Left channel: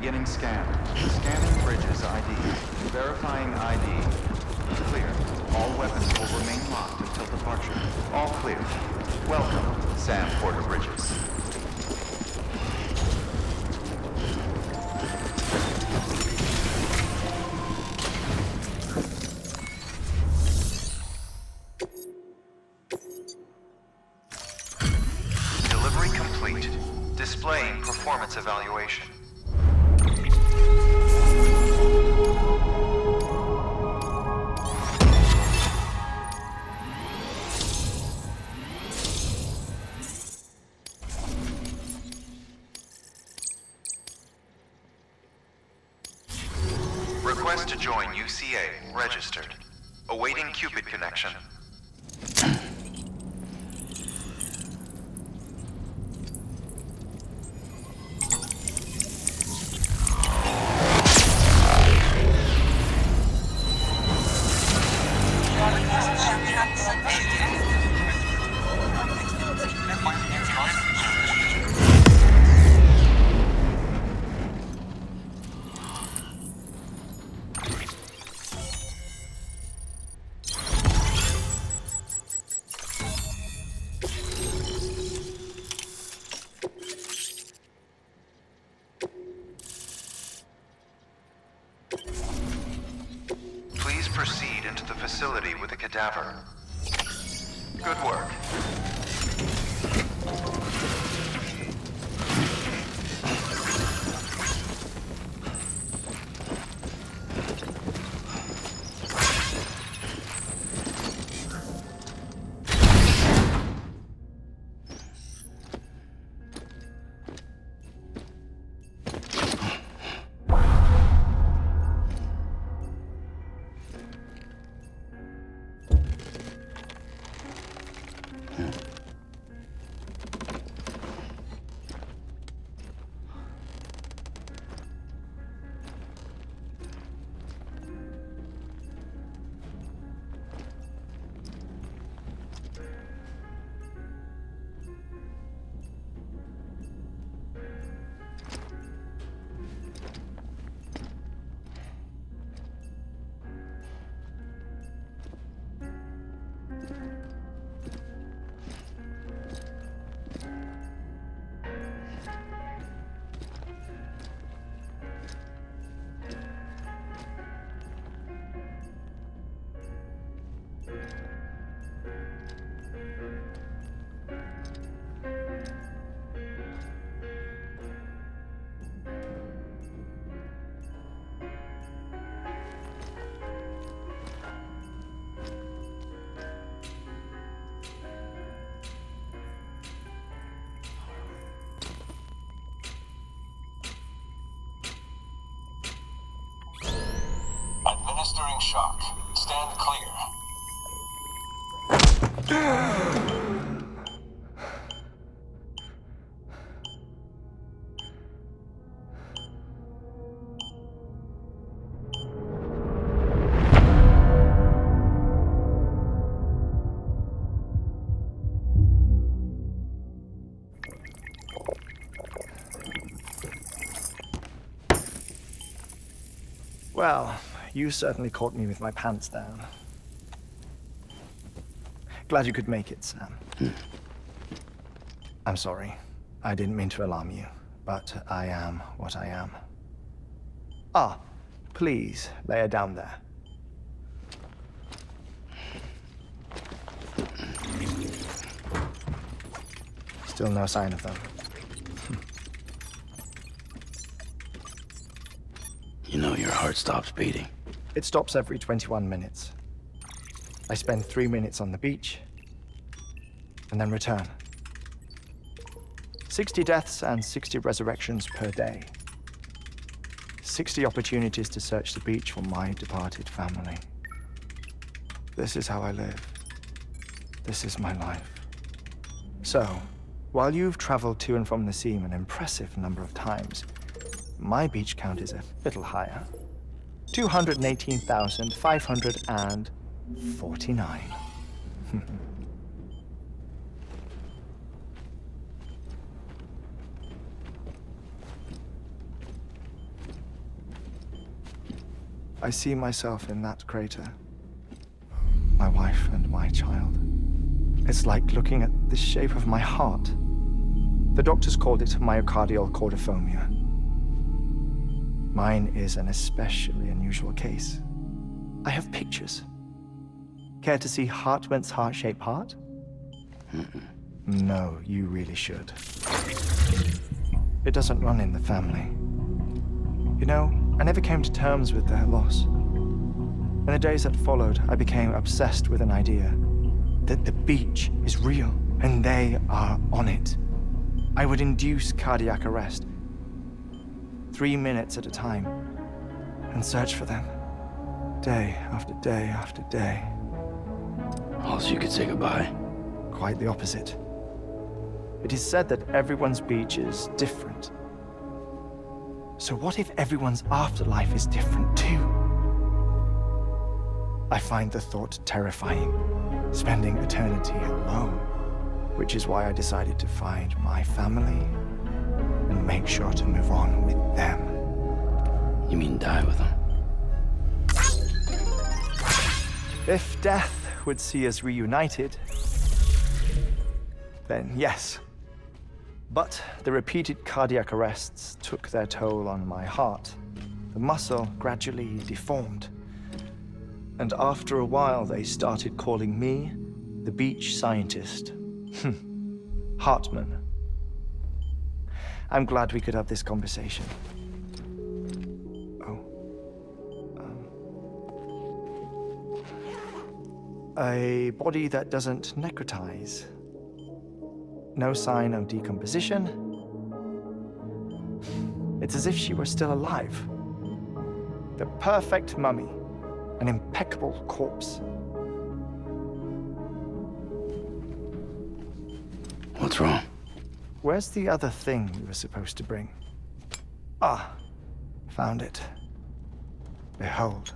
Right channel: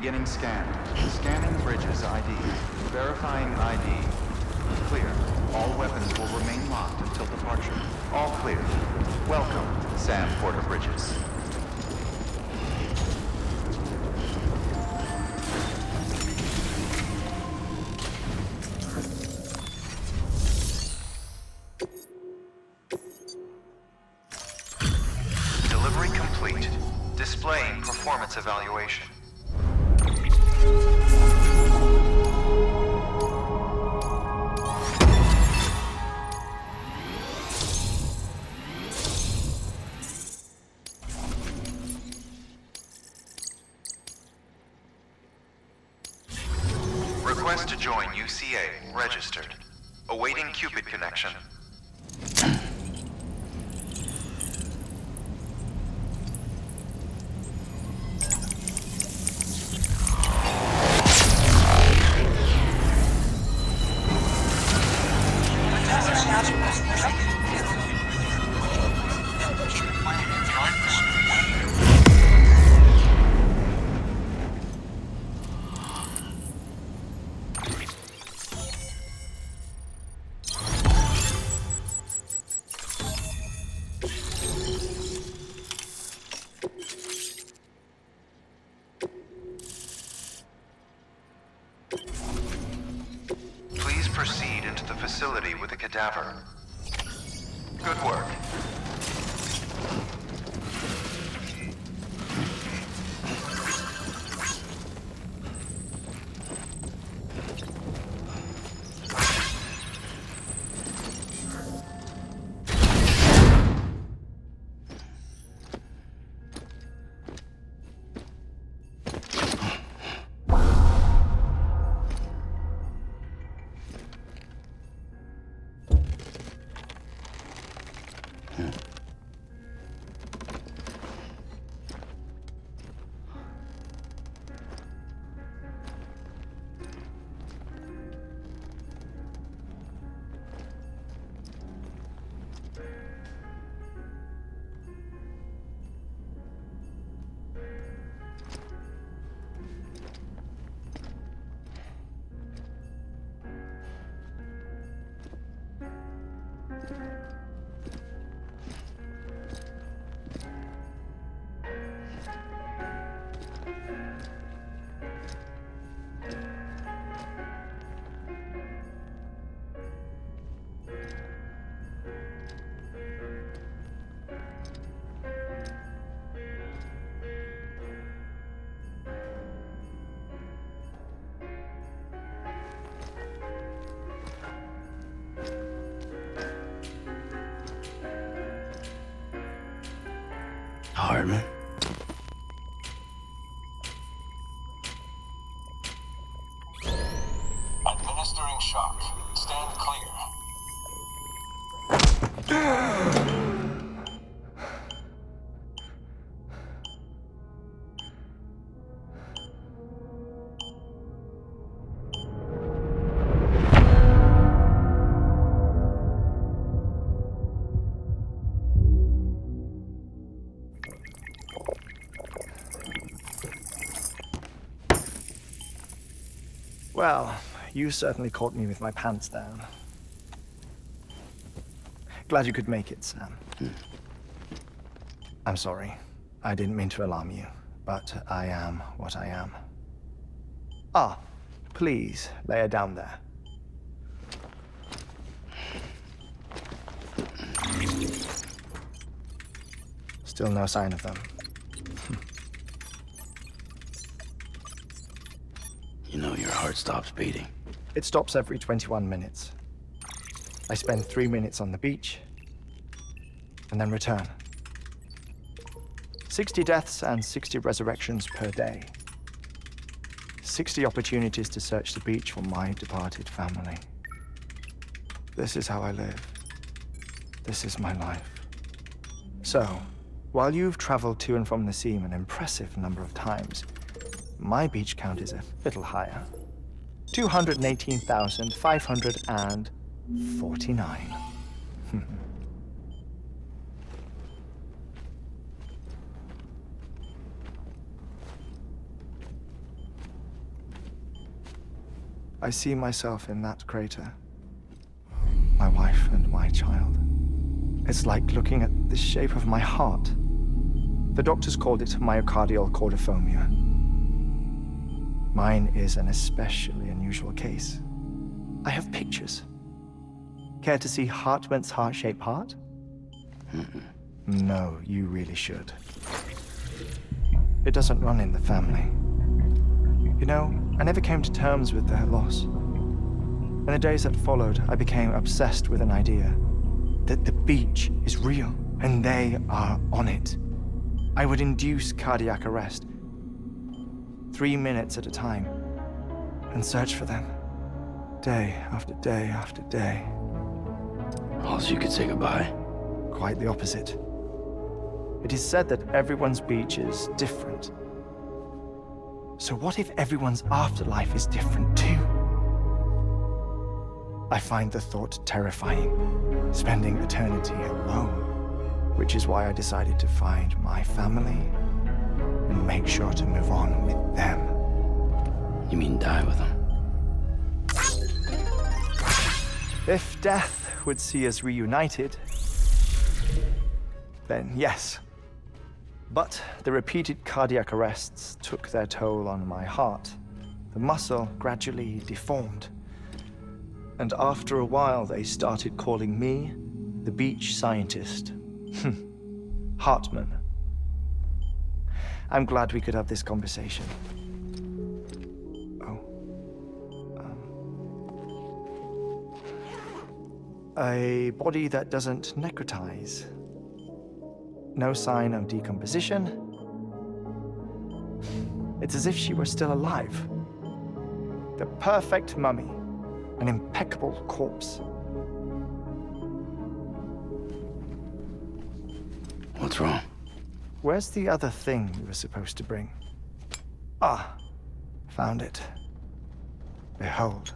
Beginning scan. Scanning bridges ID. Verifying ID. Clear. All weapons will remain locked until departure. All clear. Welcome, Sam Porter Bridges. Delivery complete. Displaying performance evaluation. Request to join UCA. Registered. Awaiting Cupid connection. Please proceed into the facility with the cadaver. Good work. Heartman. Administering shock. Stand clear. Well, you certainly caught me with my pants down. Glad you could make it, Sam. I'm sorry. I didn't mean to alarm you, but I am what I am. Ah, please, lay her down there. Still no sign of them. You know your heart stops beating. It stops every 21 minutes. I spend 3 minutes on the beach, and then return. 60 deaths and 60 resurrections per day. 60 opportunities to search the beach for my departed family. This is how I live. This is my life. So, while you've traveled to and from the seam an impressive number of times, my beach count is a little higher. 218,549. I see myself in that crater. My wife and my child. It's like looking at the shape of my heart. The doctors called it myocardial cordiformia. Mine is an especially unusual case. I have pictures. Care to see Heartman's heart-shaped heart? No, you really should. It doesn't run in the family. You know, I never came to terms with their loss. In the days that followed, I became obsessed with an idea that the beach is real and they are on it. I would induce cardiac arrest, 3 minutes at a time, and search for them, day after day after day. Also, you could say goodbye. Quite the opposite. It is said that everyone's beach is different. So what if everyone's afterlife is different too? I find the thought terrifying, spending eternity alone, which is why I decided to find my family and make sure to move on with them. You mean die with them? If death would see us reunited, then yes. But the repeated cardiac arrests took their toll on my heart. The muscle gradually deformed. And after a while, they started calling me the beach scientist. Heartman. I'm glad we could have this conversation. Oh. A body that doesn't necrotize. No sign of decomposition. It's as if she were still alive. The perfect mummy. An impeccable corpse. What's wrong? Where's the other thing you were supposed to bring? Ah, found it. Behold.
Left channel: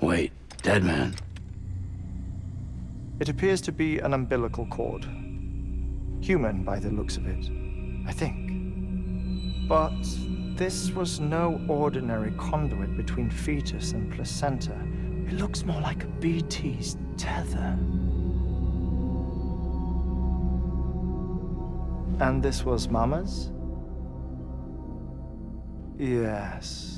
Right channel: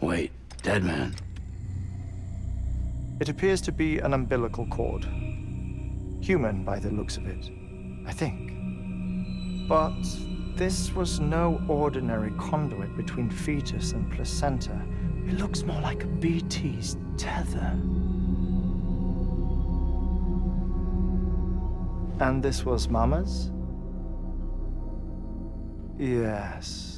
Wait, dead man. It appears to be an umbilical cord. Human by the looks of it, I think. But this was no ordinary conduit between fetus and placenta. It looks more like a BT's tether. And this was Mama's? Yes.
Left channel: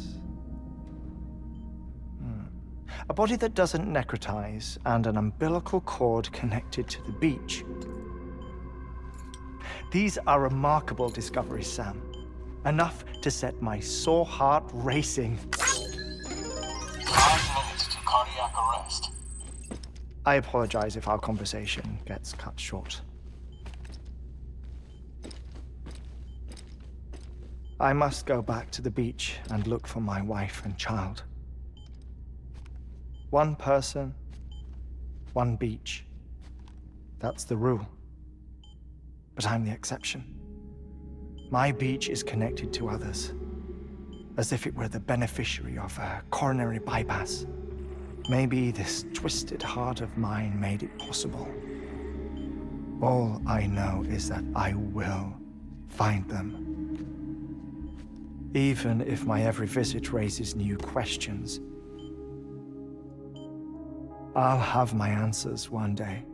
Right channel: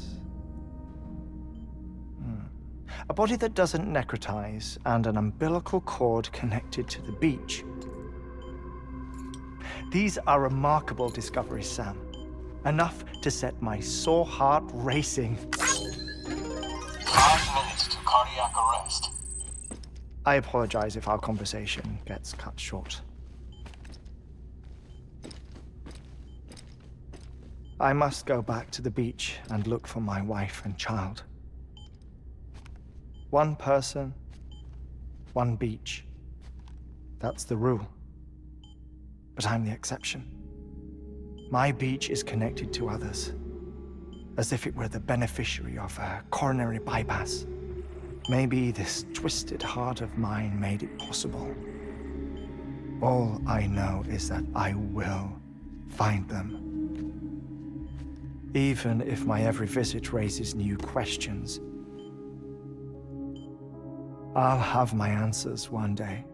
A body that doesn't necrotize and an umbilical cord connected to the beach. These are remarkable discoveries, Sam. Enough to set my sore heart racing. 5 minutes to cardiac arrest. I apologize if our conversation gets cut short. I must go back to the beach and look for my wife and child. One person, one beach. That's the rule. But I'm the exception. My beach is connected to others, as if it were the beneficiary of a coronary bypass. Maybe this twisted heart of mine made it possible. All I know is that I will find them. Even if my every visit raises new questions, I'll have my answers one day.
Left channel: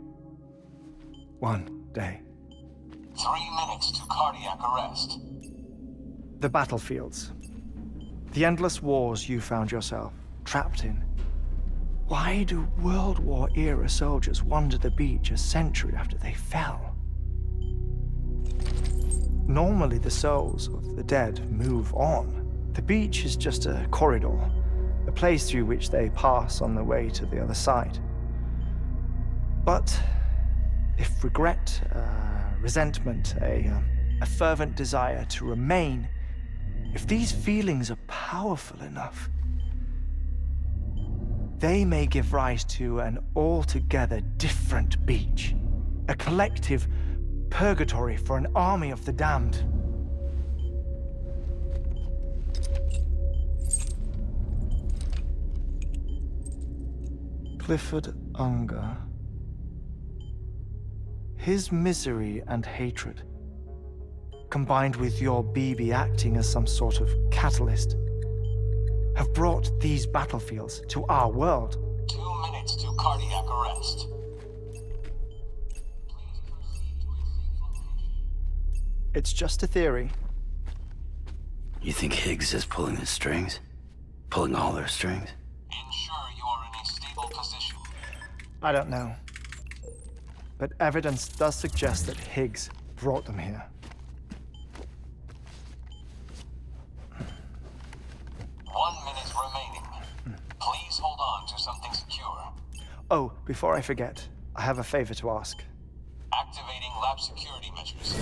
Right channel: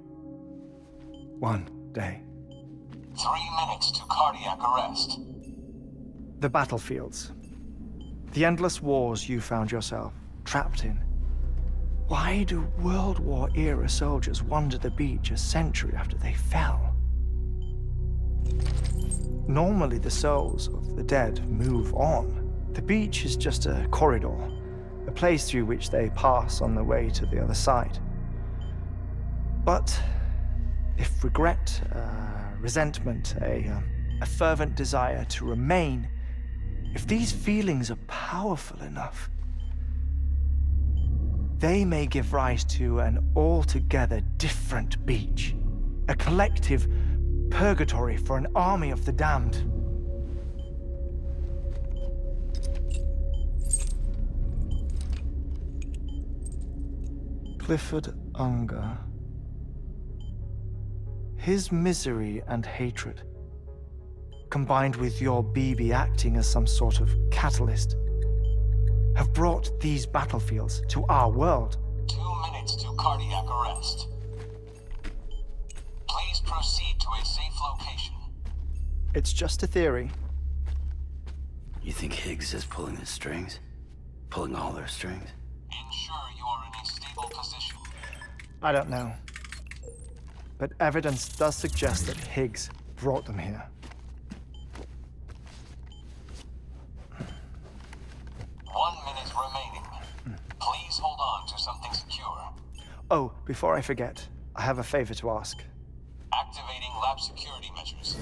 One day. 3 minutes to cardiac arrest. The battlefields. The endless wars you found yourself trapped in. Why do World War-era soldiers wander the beach a century after they fell? Normally, the souls of the dead move on. The beach is just a corridor, a place through which they pass on the way to the other side. But if regret, resentment, a fervent desire to remain, if these feelings are powerful enough, they may give rise to an altogether different beach, a collective purgatory for an army of the damned. Clifford Unger. His misery and hatred, combined with your BB acting as some sort of catalyst, have brought these battlefields to our world. 2 minutes to cardiac arrest. Please proceed to a safe location. It's just a theory. You think Higgs is pulling the strings? Pulling all their strings? Ensure you are in a stable position. I don't know. But evidence does suggest that Higgs brought them here. 1 minute remaining. Please hold on to something secure. Oh, before I forget, I have a favor to ask. Activating lab security measures.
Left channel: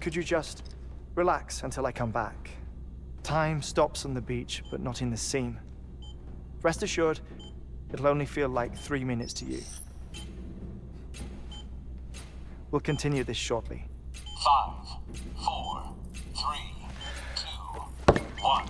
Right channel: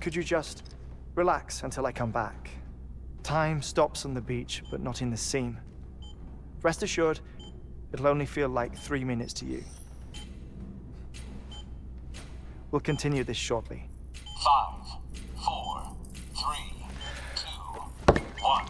Could you just relax until I come back? Time stops on the beach, but not in the scene. Rest assured, it'll only feel like 3 minutes to you. We'll continue this shortly. 5, 4, 3, 2, 1.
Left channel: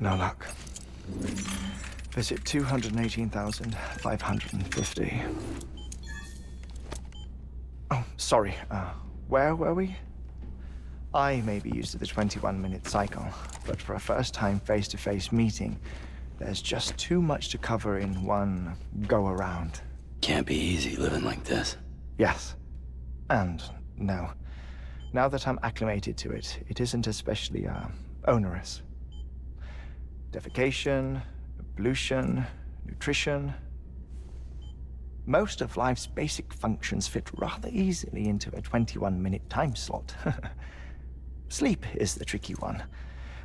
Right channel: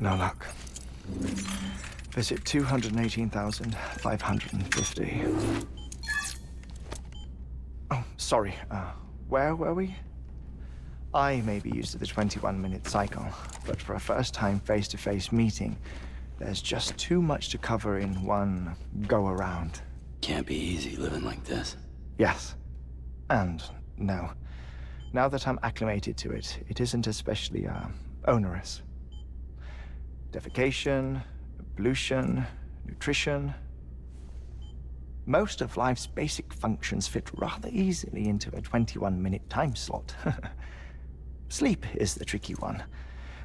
No luck. Visit 218,550. Oh, sorry. Where were we? I may be used to the 21-minute cycle, but for a first-time face-to-face meeting, there's just too much to cover in one go-around. Can't be easy living like this. Yes. And no. Now that I'm acclimated to it, it isn't especially, onerous. Defecation, ablution, nutrition. Most of life's basic functions fit rather easily into a 21-minute time slot. Sleep is the tricky one.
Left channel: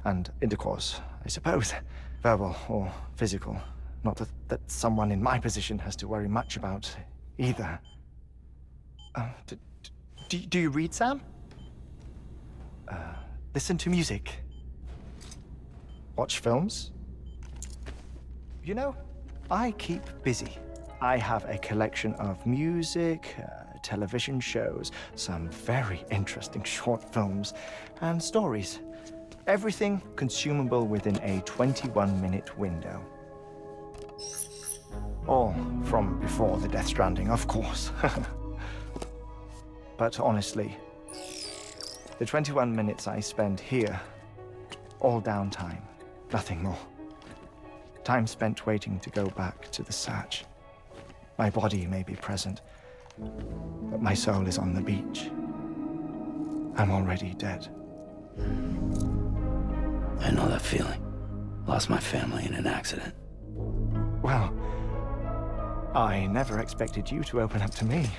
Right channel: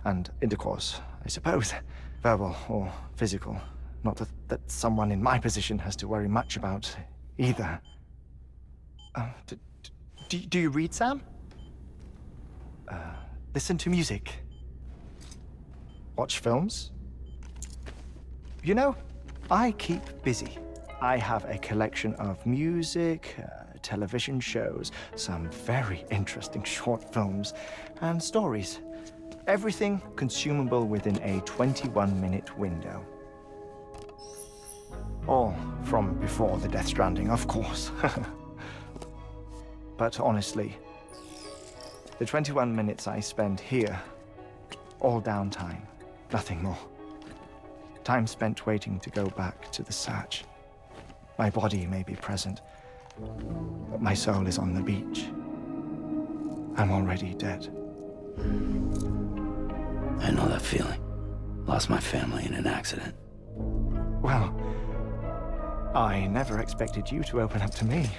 And intercourse, I suppose. Verbal or physical. Not that someone in my position has to worry much about either. Do you read, Sam? Listen to music? Watch films? You know, I keep busy. I have a collection of music, television shows, some very interesting short films, and stories. Everything consumable within a 21-minute window. All from before the Death Stranding, of course. But honestly, the 21 minutes I spend here, all downtime, nothing more. Time spent waiting to go back to the search. My body may be present, but my soul is on the beach. I'm already dead. I know that feeling. Lost my family in an accident. Well, I never expected you to open up to me.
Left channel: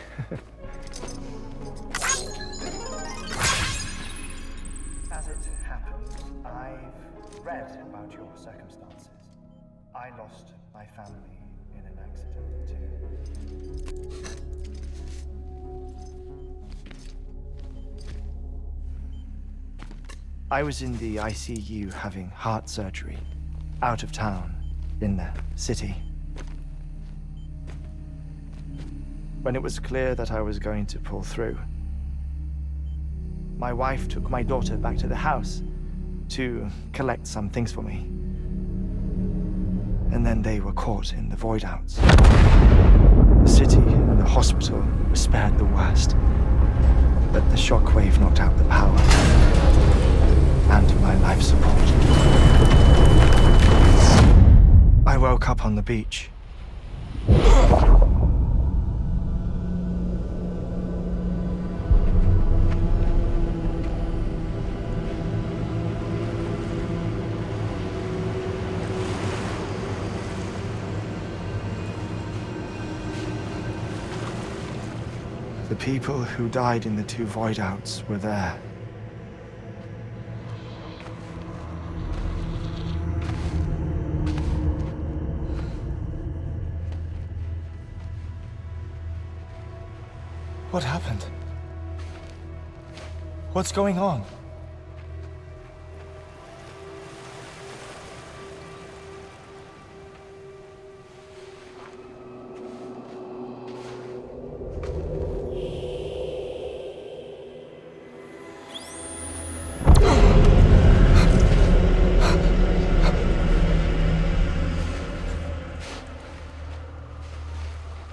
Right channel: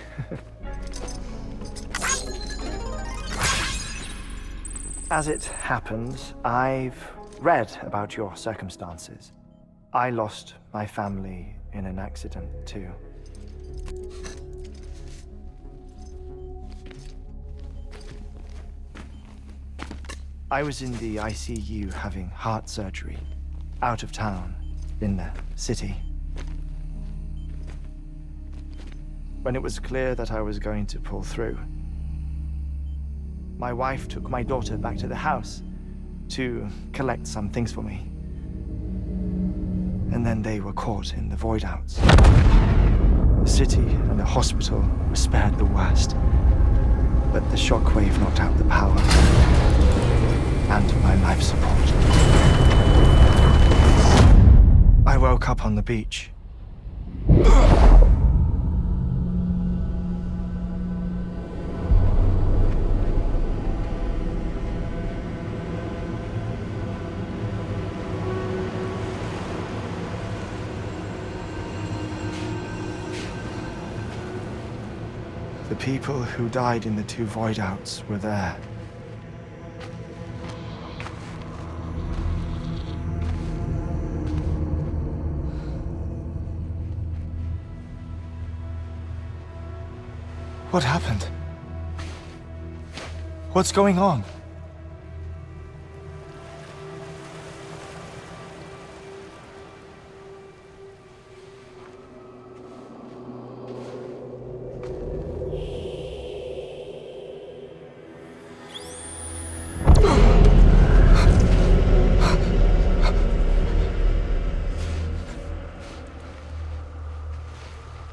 As it happens, I've read about your circumstances. I lost my family in an accident, too. I was in the ICU having heart surgery, out of town, in the city. When it was clear that I was going to pull through, my wife took my daughter back to the house to collect some things for me. And then they were caught in the void-outs. The city and the hospital were spared the worst, but the shockwave knocked out the power and my life support. I woke up on the beach. The people who died in the two void-outs were there. What happened? What's going on?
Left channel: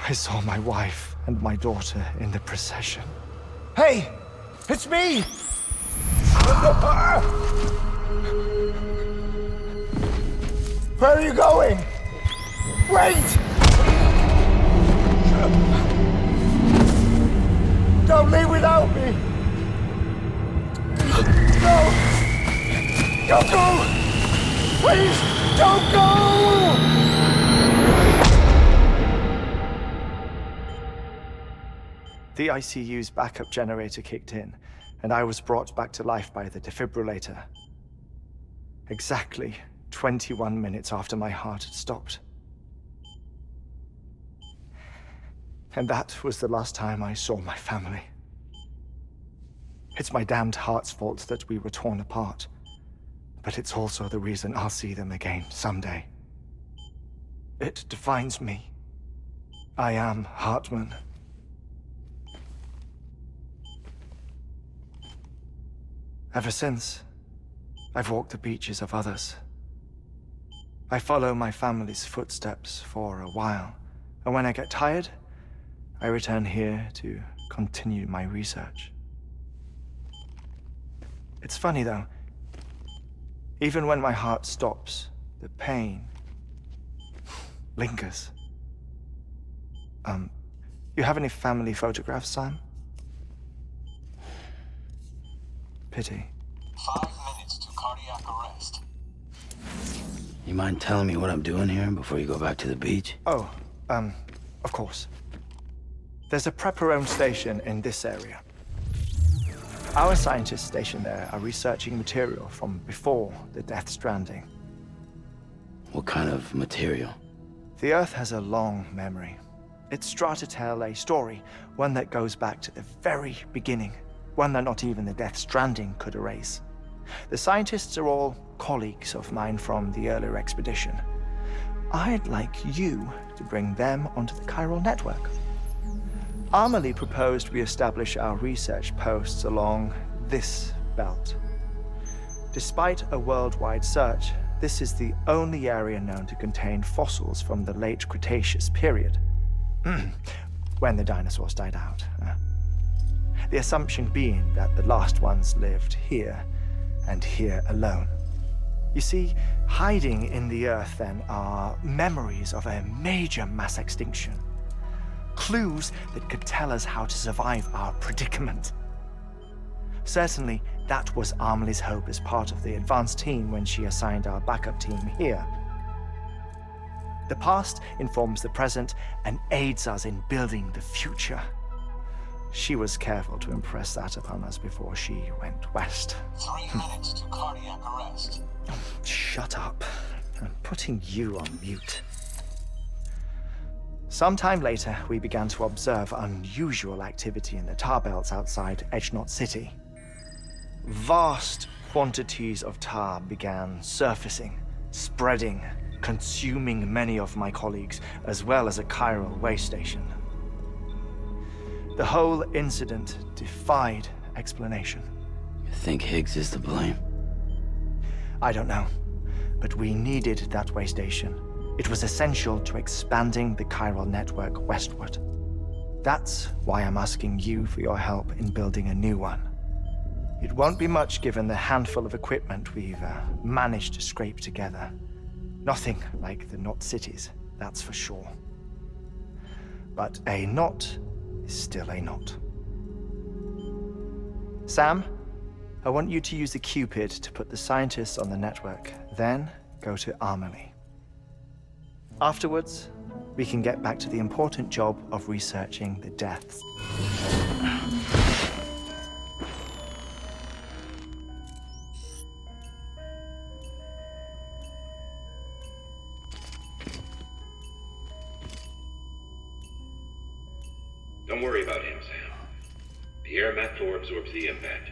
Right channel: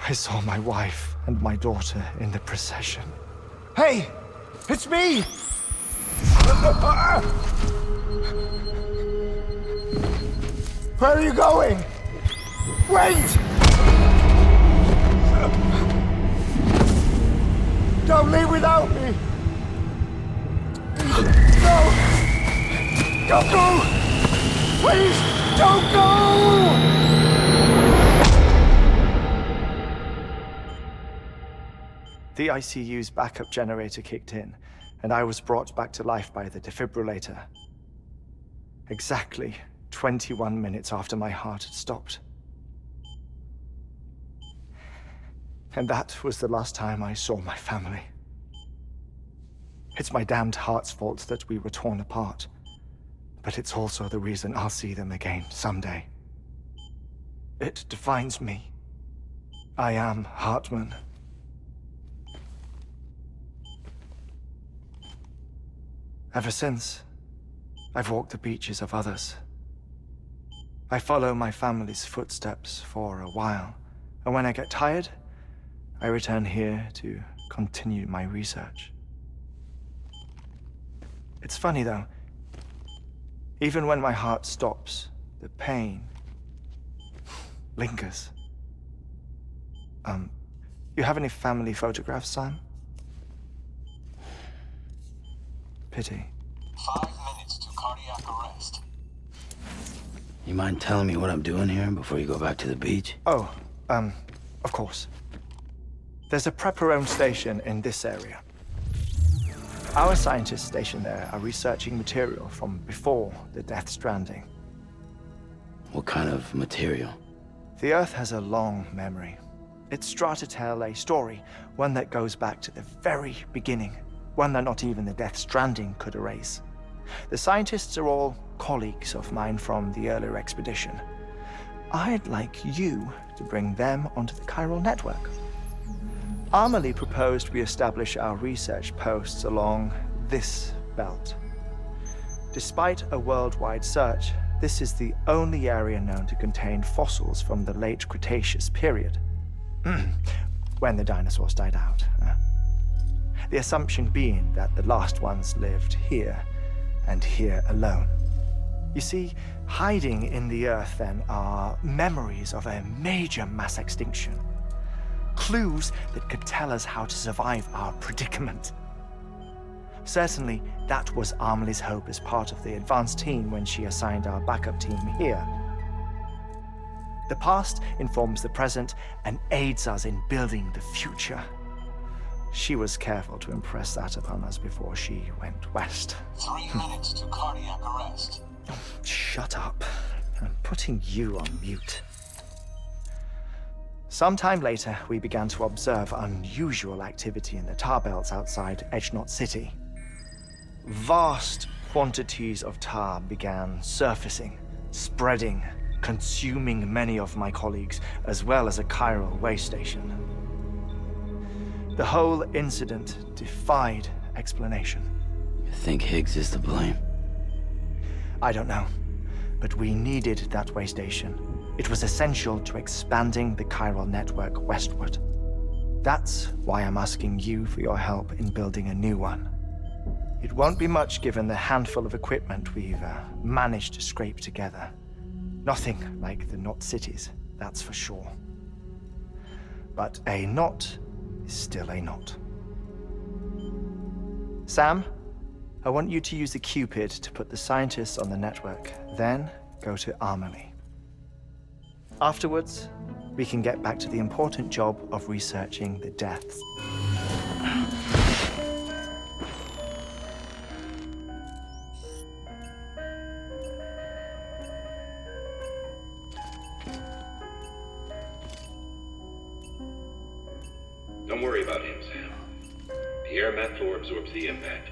I saw my wife and my daughter in the procession. Hey! It's me! Where are you going? Wait! Don't leave without me! No! Don't go! Please, don't go! The ICU's backup generator kicked in, and I was brought back to life by the defibrillator. Exactly 21 minutes after my heart had stopped. And that was the last time I saw my family. It's my damned heart's fault that we were torn apart, but it's also the reason I'll see them again someday. It defines me. I am Heartman. Ever since, I've walked the beaches of others. I follow my family's footsteps for a while, and when I get tired, I return here to continue my research. It's funny though, even when my heart stops, the pain lingers. You have any family photographs, Sam? Pity. 5 minutes to cardiac arrest. You mind telling me what I'm doing here before you go back to the beach? Oh, of course. There's a prepper-owned station in this area. Our scientists stationed there are researching material from before the Death Stranding. What kind of material? The Earth has a long memory. It's trying to tell a story, one that goes back to the very beginning, one that not even the Death Stranding could erase. The scientists are all colleagues of mine from the earlier expedition. I'd like you to bring them onto the chiral network. Amelie proposed we establish our research posts along this belt. Despite a worldwide search, this is the only area known to contain fossils from the late Cretaceous period, when the dinosaurs died out. The assumption being that the last ones lived here, and here alone. You see, hiding in the Earth then are memories of a major mass extinction. Clues that could tell us how to survive our predicament. Certainly, that was Amelie's hope as part of the advanced team when she assigned our backup team here. The past informs the present and aids us in building the future. She was careful to impress that upon us before she went west. 3 minutes to cardiac arrest. Shut up. I'm putting you on mute. Sometime later, we began to observe unusual activity in the tar belts outside Edgenot City. Vast quantities of tar began surfacing, spreading, consuming many of my colleagues, as well as a chiral way station. The whole incident defied explanation. You think Higgs is to blame? I don't know, but we needed that way station. It was essential to expanding the chiral network westward. That's why I'm asking you for your help in building a new one. It won't be much given the handful of equipment we've managed to scrape together. Nothing like the knot cities, that's for sure. But a knot is still a knot. Sam, I want you to use the Cupid to put the scientists on the network, then go to Amelie. Afterwards, we can get back to the important job of researching the deaths. Don't worry about him, Sam. The air mat floor absorbs the impact.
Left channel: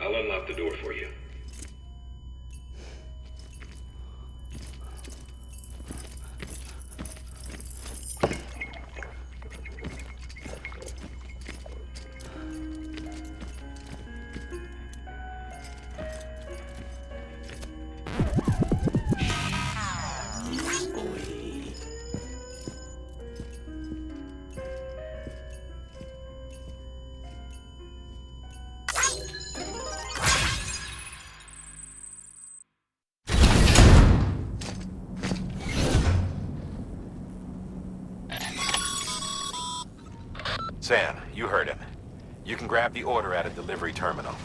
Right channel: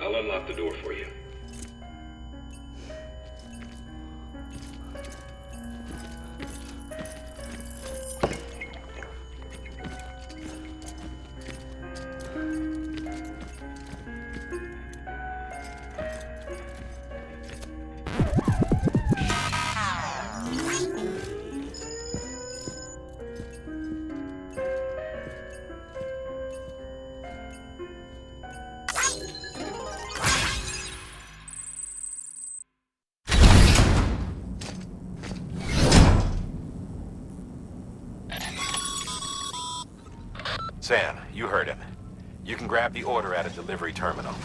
I'll unlock the door for you. Sam, you heard him. You can grab the order at a delivery terminal.